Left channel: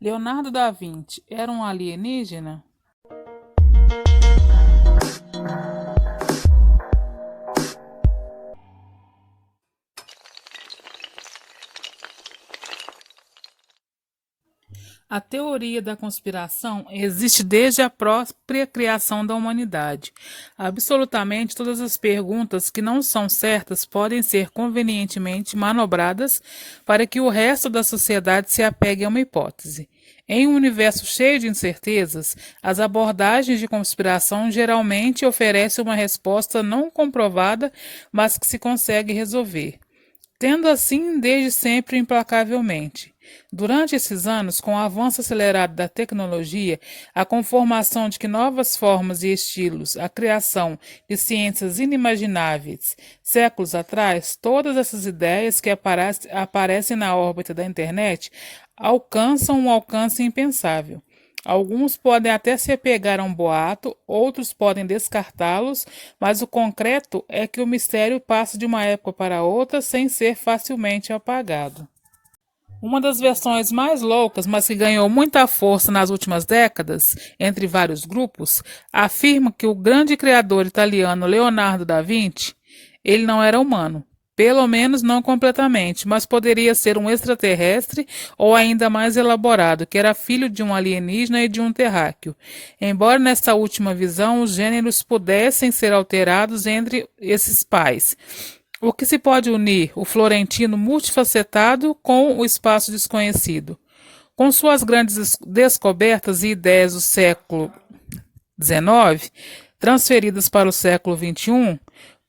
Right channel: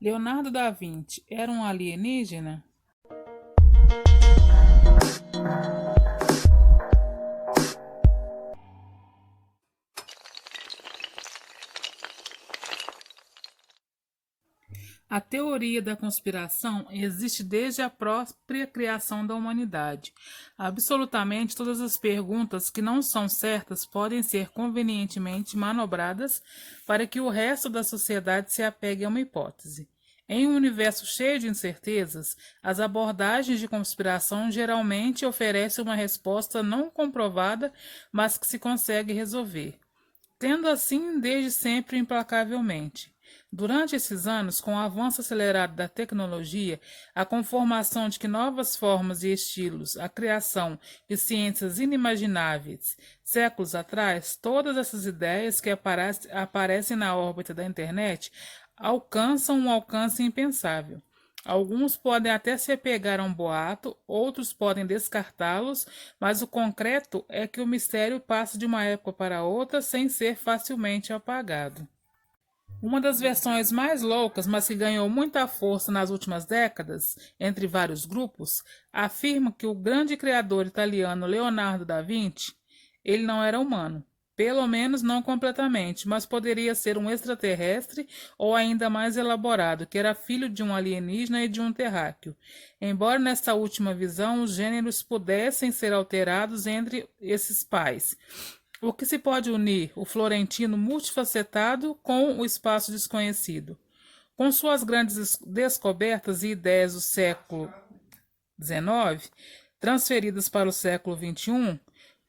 Leonardo da Vinci era um alienígena? A teoria da conspiração existe desde a própria criação da humanidade. Absolutamente todas as perguntas que não são certas podem ser convenientemente manobradas para que o resto da sociedade se apegue a uma hipótese. Em um universo cheio de incertezas, as abordagens de conspiração geralmente oferecem uma resposta não comprovada, mas que se consegue resolver, tendo assim desde sempre implacavelmente. Durante esses anos, com o avanço acelerado da tecnologia, a conformação de que novas formas e estilos, a criação de ciências inimagináveis séculos atrás, todas essas ideias que aparecem na órbita da internet alcançam um alcance impensável. Alguns podem até se apegar a um boato, outros podem descartá-los, mas o concreto é que o mistério passa de uma época para outra sem ser facilmente apagado. Uma das versões mais loucas, mas que ganhou muita força nas últimas décadas, entre vários grupos, afirma que o grande criador italiano Leonardo da Vinci, ele não era humano. Pelo menos não completamente, mas poderia ser um extraterrestre ou ainda mais elaborado, que era filho de um alienígena e de um terráqueo. Embora nesta última visão os gêneros pudessem ser alterados entre esses pais. O que se pode unir o florentino multifacetado com o espaço desconhecido? Com suas grandes descobertas e ideias do século XIX, transferidas para o século XXI,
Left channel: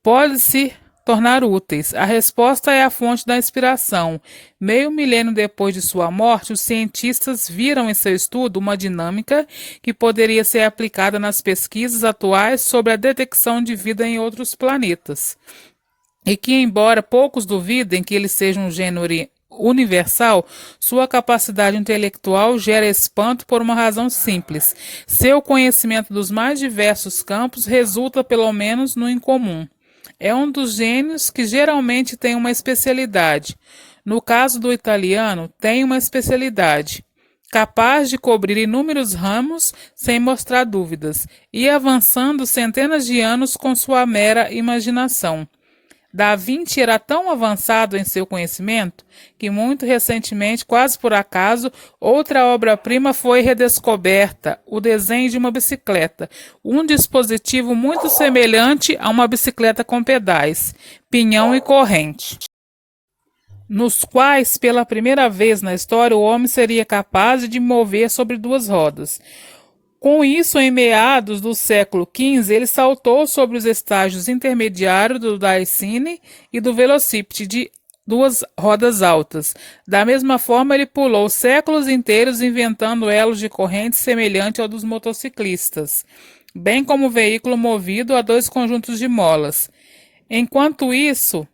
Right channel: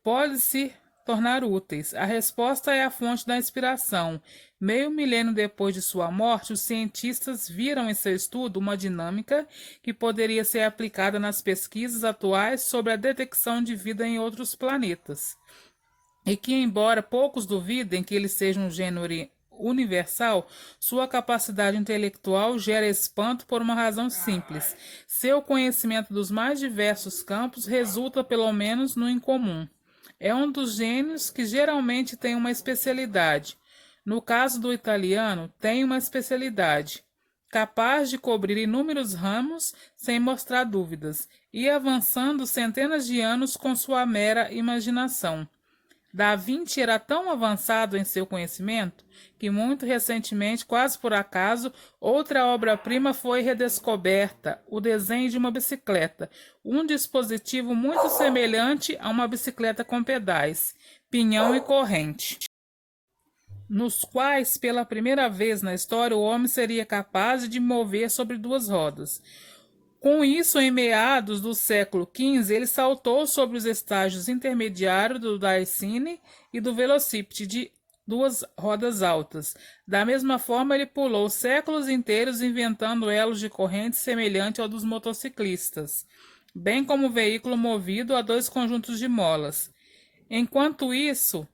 pode-se tornar úteis. A resposta é a fonte da inspiração. Meio milênio depois de sua morte, os cientistas viram em seu estudo uma dinâmica que poderia ser aplicada nas pesquisas atuais sobre a detecção de vida em outros planetas. E que, embora poucos duvidem que ele seja um gênero universal, sua capacidade intelectual gera espanto por uma razão simples. Seu conhecimento dos mais diversos campos resulta pelo menos no incomum. É um dos gênios que geralmente tem uma especialidade. No caso do italiano, tem uma especialidade capaz de cobrir inúmeros ramos sem mostrar dúvidas, e avançando centenas de anos com sua mera imaginação. Da Vinci era tão avançado em seu conhecimento que muito recentemente, quase por acaso, outra obra-prima foi redescoberta, o desenho de uma bicicleta, um dispositivo muito semelhante a uma bicicleta com pedais, pinhão e corrente, nos quais, pela primeira vez na história, o homem seria capaz de mover sobre duas rodas. Com isso, em meados do século XV, ele saltou sobre os estágios intermediários do Daicine e do Velocipede de duas rodas altas. Da mesma forma, ele pulou séculos inteiros inventando elos de corrente semelhante ao dos motociclistas, bem como veículo movido a dois conjuntos de molas. Enquanto isso,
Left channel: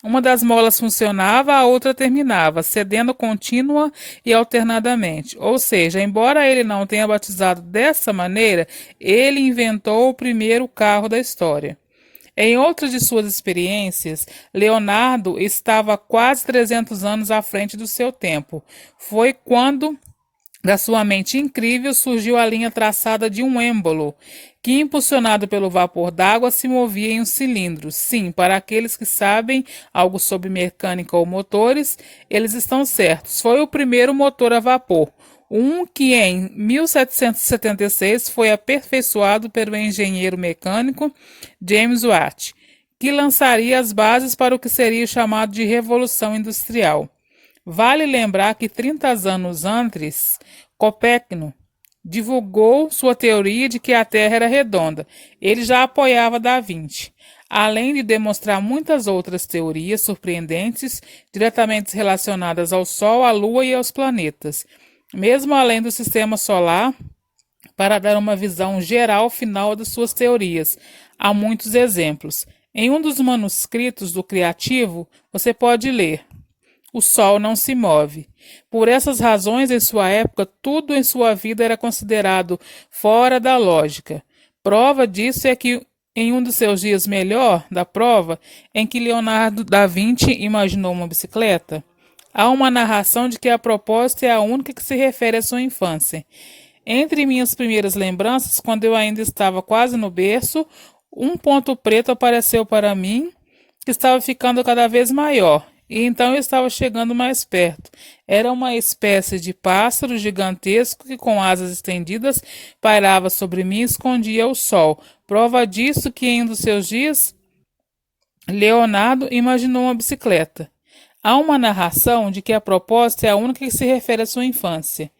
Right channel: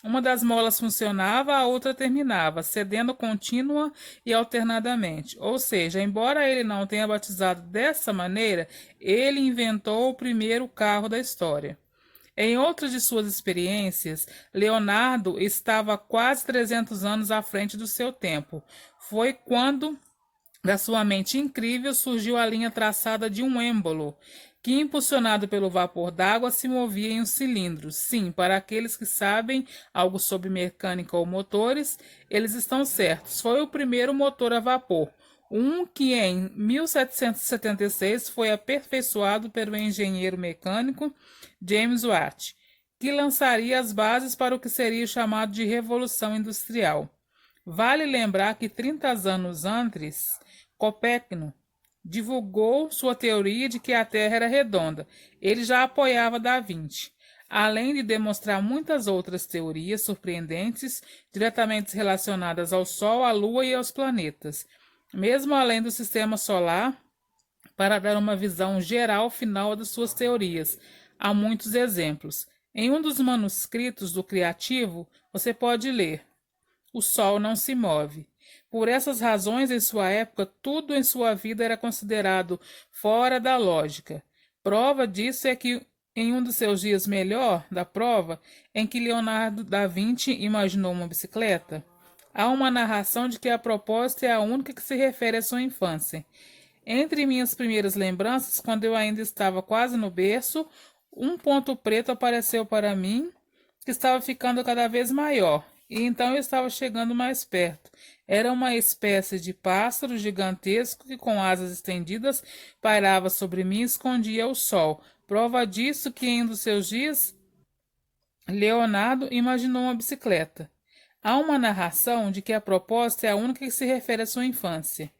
uma das molas funcionava, a outra terminava, cedendo contínua e alternadamente. Ou seja, embora ele não tenha batizado dessa maneira, ele inventou o primeiro carro da história. Em outra de suas experiências, Leonardo estava quase 300 anos à frente do seu tempo. Foi quando da sua mente incrível surgiu a linha traçada de um êmbolo, que, impulsionado pelo vapor d'água, se movia em um cilindro. Sim, para aqueles que sabem algo sobre mecânica ou motores, eles estão certos. Foi o primeiro motor a vapor, um que em 1776 foi aperfeiçoado pelo engenheiro mecânico James Watt, que lançaria as bases para o que seria chamado de Revolução Industrial. Vale lembrar que 30 anos antes, Copérnico divulgou sua teoria de que a Terra era redonda. Ele já apoiava Da Vinci, além de demonstrar muitas outras teorias surpreendentes diretamente relacionadas ao Sol, à Lua e aos planetas, mesmo além do sistema solar, para dar uma visão geral final de suas teorias. Há muitos exemplos. Em um dos manuscritos do Criativo, você pode ler: o Sol não se move. Por essas razões, em sua época, tudo em sua vida era considerado fora da lógica. Prova disso é que, em um dos seus dias melhor da prova, em que Leonardo da Vinci imaginou uma bicicleta, Há uma narração de que a propósito é a única que se refere à sua infância. Entre minhas primeiras lembranças, quando eu ainda estava quase no berço, um ponto preto apareceu para mim, que estava ficando cada vez maior, e então eu estava chegando mais perto. Era uma espécie de pássaro gigantesco que, com asas estendidas, pairava sobre mim e escondia o sol. Prova disso que em um dos seus dias, Leonardo imaginou uma bicicleta. Há uma narração de que a proposta é a única que se refere à sua infância.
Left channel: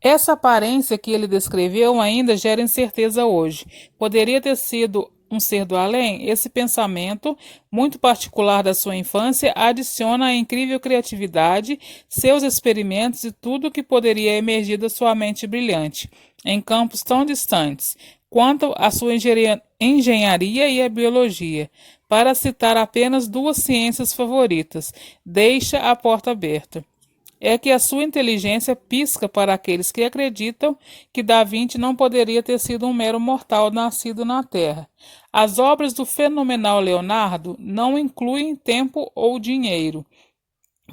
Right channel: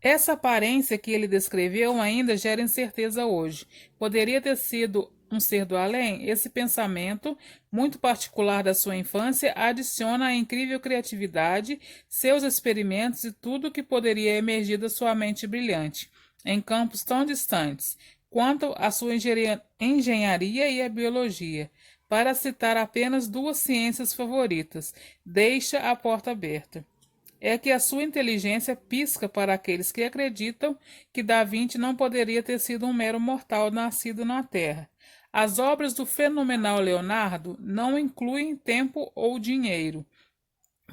Essa aparência que ele descreveu ainda gera incerteza hoje. Poderia ter sido um ser do além? Esse pensamento, muito particular da sua infância, adiciona a incrível criatividade, seus experimentos e tudo o que poderia emergir da sua mente brilhante, em campos tão distantes, quanto a sua engenharia e a biologia. Para citar apenas duas ciências favoritas, deixa a porta aberta é que a sua inteligência pisca para aqueles que acreditam que Da Vinci não poderia ter sido um mero mortal nascido na Terra. As obras do fenomenal Leonardo não incluem tempo ou dinheiro,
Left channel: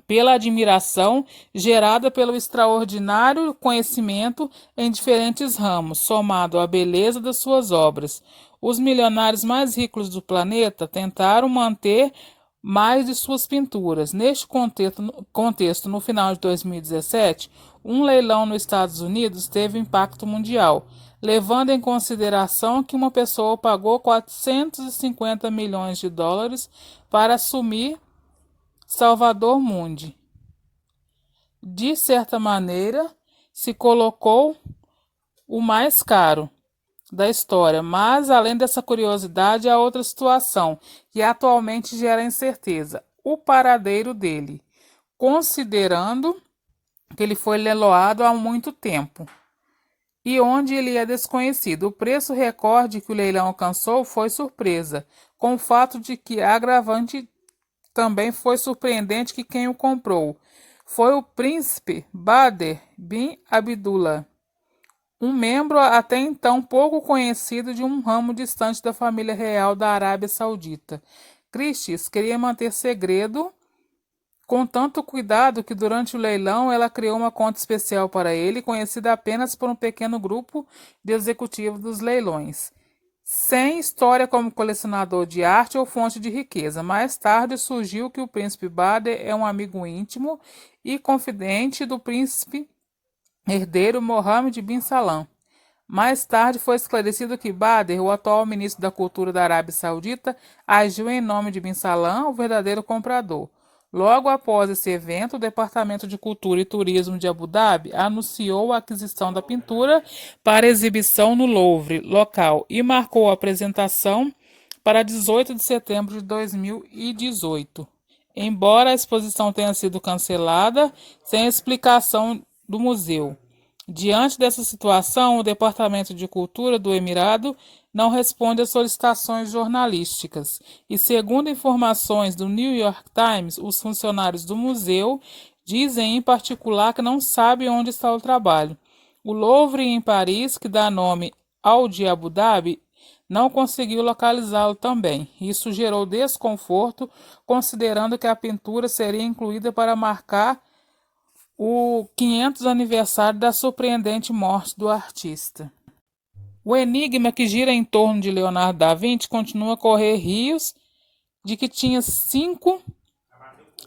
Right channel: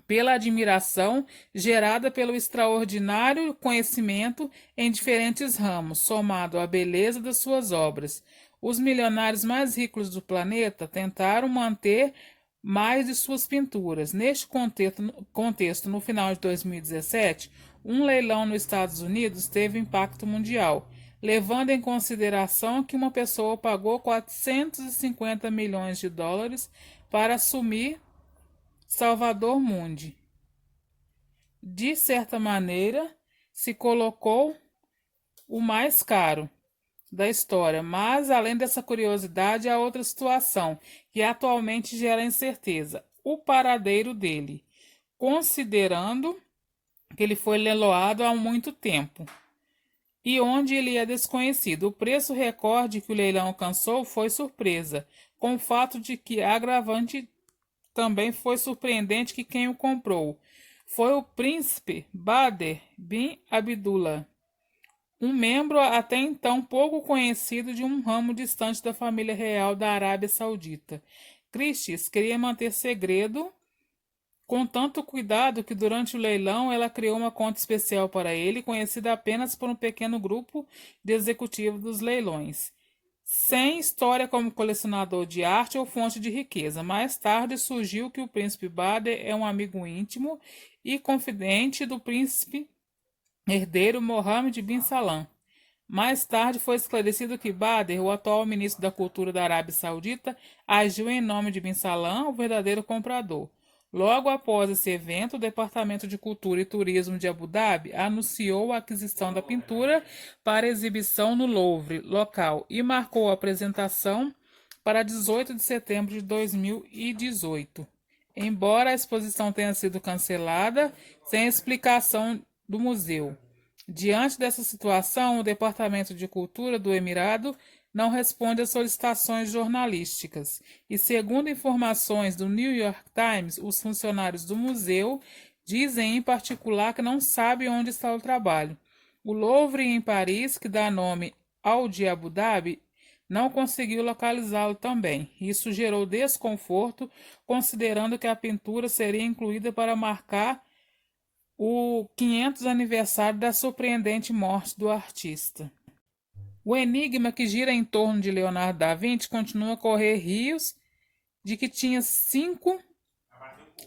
pela admiração gerada pelo extraordinário conhecimento em diferentes ramos, somado à beleza das suas obras. Os milionários mais ricos do planeta tentaram manter mais de suas pinturas. Neste contexto, no final de 2017, um leilão nos Estados Unidos teve impacto mundial, levando em consideração que uma pessoa pagou 450 milhões de dólares para assumir Salvador Mundi. De certa maneira, se colocou o mais caro da história, mas além dessa curiosidade, há outra situação que atualmente gera incerteza: o paradeiro dele, considerando que ele foi leiloado há muito tempo e onde ele é desconhecido. O preço recorde que o leilão alcançou foi surpresa, com o fato de que a agravante também foi surpreendente que quem o comprou foi o príncipe Bader bin Abdullah, um membro até então pouco conhecido de um ramo distante da família real da Arábia Saudita. Christie's queria manter segredo com tanto cuidado que durante o leilão ela criou uma conta especial para ele, conhecida apenas por um pequeno grupo de executivos dos leilões. Sem história como colecionador de arte ou fonte de riqueza. Mais tarde surgiu que o príncipe Bader é um amigo íntimo e confidente do príncipe herdeiro Mohammed bin Salman. Mais tarde foi esclarecido que Bader, o atual ministro da Cultura da Arábia Saudita, agiu em nome de Bin Salman, o verdadeiro comprador. Logo após esse evento, o Departamento de Cultura e Turismo de Abu Dhabi anunciou a aquisição da pintura para exibição no Louvre local e marcou a apresentação para 18 de setembro de 2018. Embora a exposição tenha sido cancelada, sem explicação do museu. Diante dessa situação, o Departamento de Cultura do Emirado não responde às solicitações jornalísticas. E, segundo informações do New York Times, os funcionários do museu dizem em particular que não sabem onde está o trabalho. O Louvre em Paris, que dá nome ao de Abu Dhabi, não conseguiu localizá-lo também. Isso gerou desconforto, considerando que a pintura seria incluída para marcar o 500 aniversário da surpreendente morte do artista. O enigma que gira em torno de Leonardo da Vinci continua a correr rios de que tinha 5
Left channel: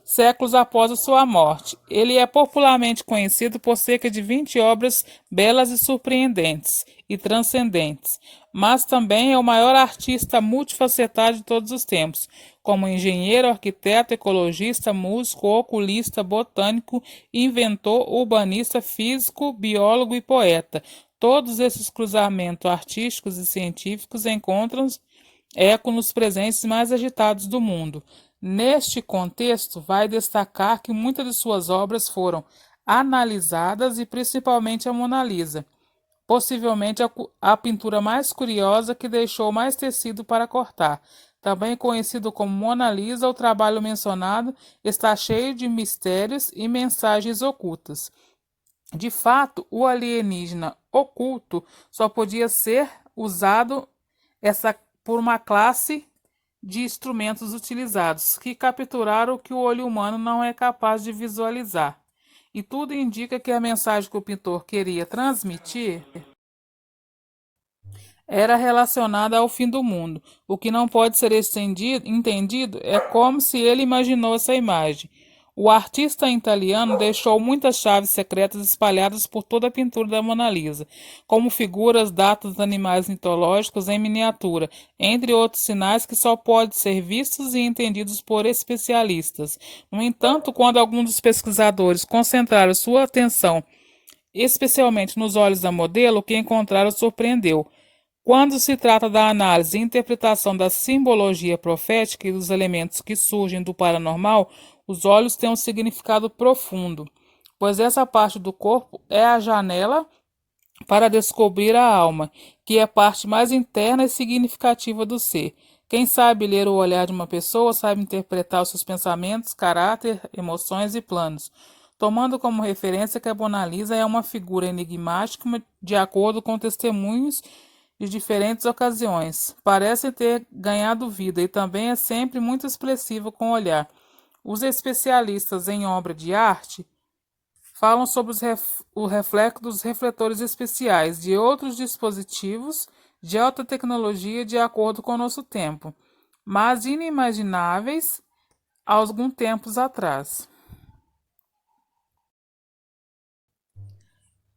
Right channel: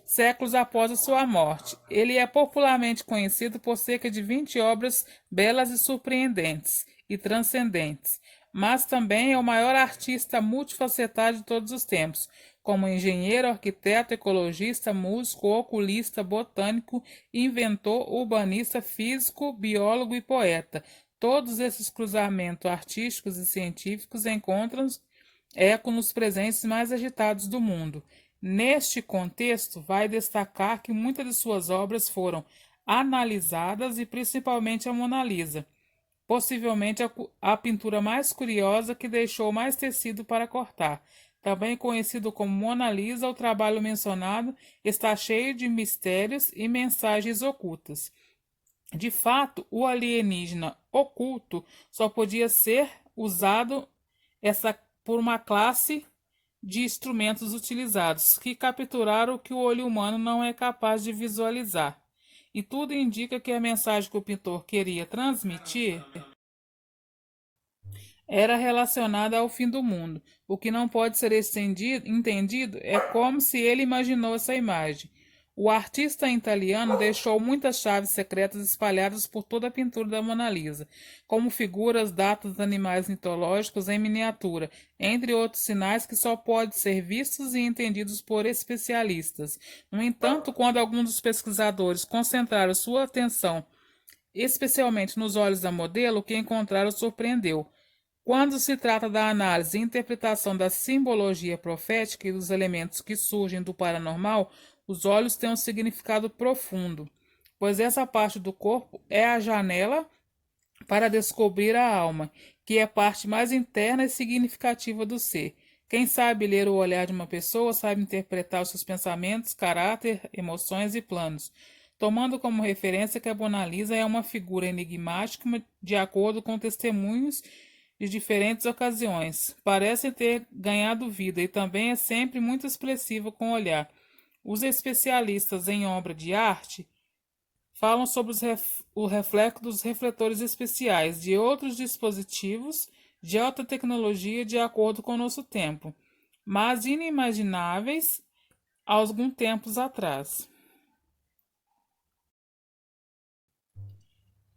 séculos após a sua morte. Ele é popularmente conhecido por cerca de 20 obras belas e surpreendentes e transcendentes, mas também é o maior artista multifacetado de todos os tempos, como engenheiro, arquiteto, ecologista, músico, oculista, botânico, inventor, urbanista, físico, biólogo e poeta. Todos esses cruzamentos artísticos e científicos encontram eco nos presentes mais agitados do mundo. Neste contexto, vai destacar que muitas de suas obras foram analisadas e principalmente a Mona Lisa, possivelmente a pintura mais curiosa que deixou mais tecido para cortar. Também conhecido como Mona Lisa, o trabalho mencionado está cheio de mistérios e mensagens ocultas. De fato, o alienígena oculto só podia ser usado por uma classe de instrumentos utilizados, que capturaram o que o olho humano não é capaz de visualizar. E tudo indica que a mensagem que o pintor queria transmitir era relacionada ao fim do mundo. O que não pode ser entendido é como se ele imaginou essa imagem. O artista italiano deixou muitas chaves secretas espalhadas por toda a pintura da Mona Lisa, como figuras, datas de animais mitológicos em miniatura, entre outros sinais que só podem ser vistos e entendidos por especialistas. No entanto, quando alguns dos pesquisadores concentraram sua atenção especialmente nos olhos da modelo, o que encontraram surpreendeu. Quando se trata da análise e interpretação da simbologia profética e dos elementos que surgem do paranormal, os olhos têm um significado profundo, pois essa parte do corpo é a janela para descobrir a alma, que é a parte mais interna e significativa do ser. Quem sabe ler o olhar de uma pessoa sabe interpretar os seus pensamentos, caráter, emoções e planos, tomando como referência que a Mona Lisa é uma figura enigmática de acordo com testemunhos de diferentes ocasiões. Parece ter ganhado vida e também é sempre muito expressiva com o olhar. Os especialistas em obra de arte falam sobre o reflexo dos refletores especiais de outros dispositivos de alta tecnologia de acordo com o nosso tempo, mas inimagináveis há alguns tempos atrás.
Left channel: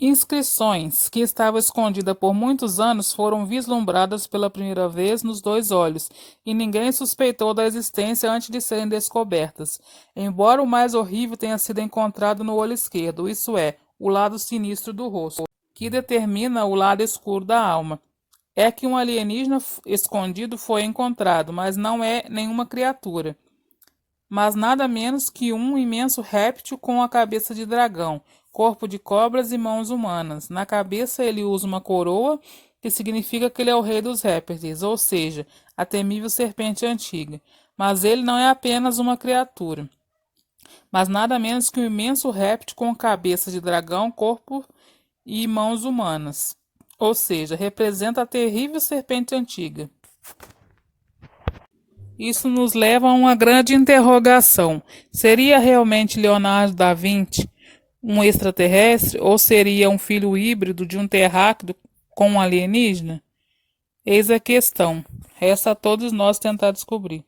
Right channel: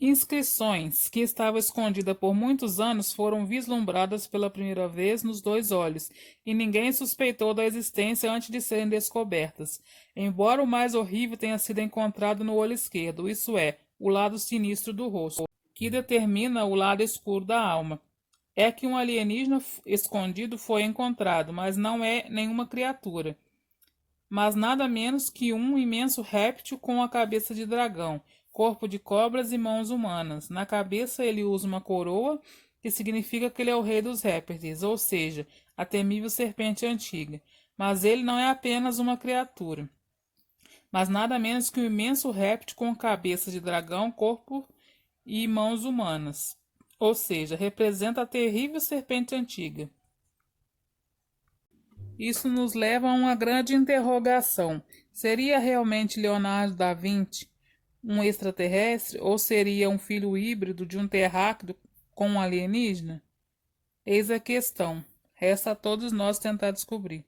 Inscrições que estavam escondidas por muitos anos foram vislumbradas pela primeira vez nos dois olhos, e ninguém suspeitou da existência antes de serem descobertas. Embora o mais horrível tenha sido encontrado no olho esquerdo, isso é, o lado sinistro do rosto, que determina o lado escuro da alma. É que um alienígena escondido foi encontrado, mas não é nenhuma criatura, mas nada menos que um imenso réptil com a cabeça de dragão, corpo de cobras e mãos humanas. Na cabeça ele usa uma coroa, que significa que ele é o rei dos répteis, ou seja, a temível serpente antiga. Mas ele não é apenas uma criatura, mas nada menos que um imenso réptil com cabeça de dragão, corpo e mãos humanas. Ou seja, representa a terrível serpente antiga. Isso nos leva a uma grande interrogação. Seria realmente Leonardo da Vinci um extraterrestre ou seria um filho híbrido de um terráqueo com um alienígena? Eis a questão. Resta a todos nós tentar descobrir.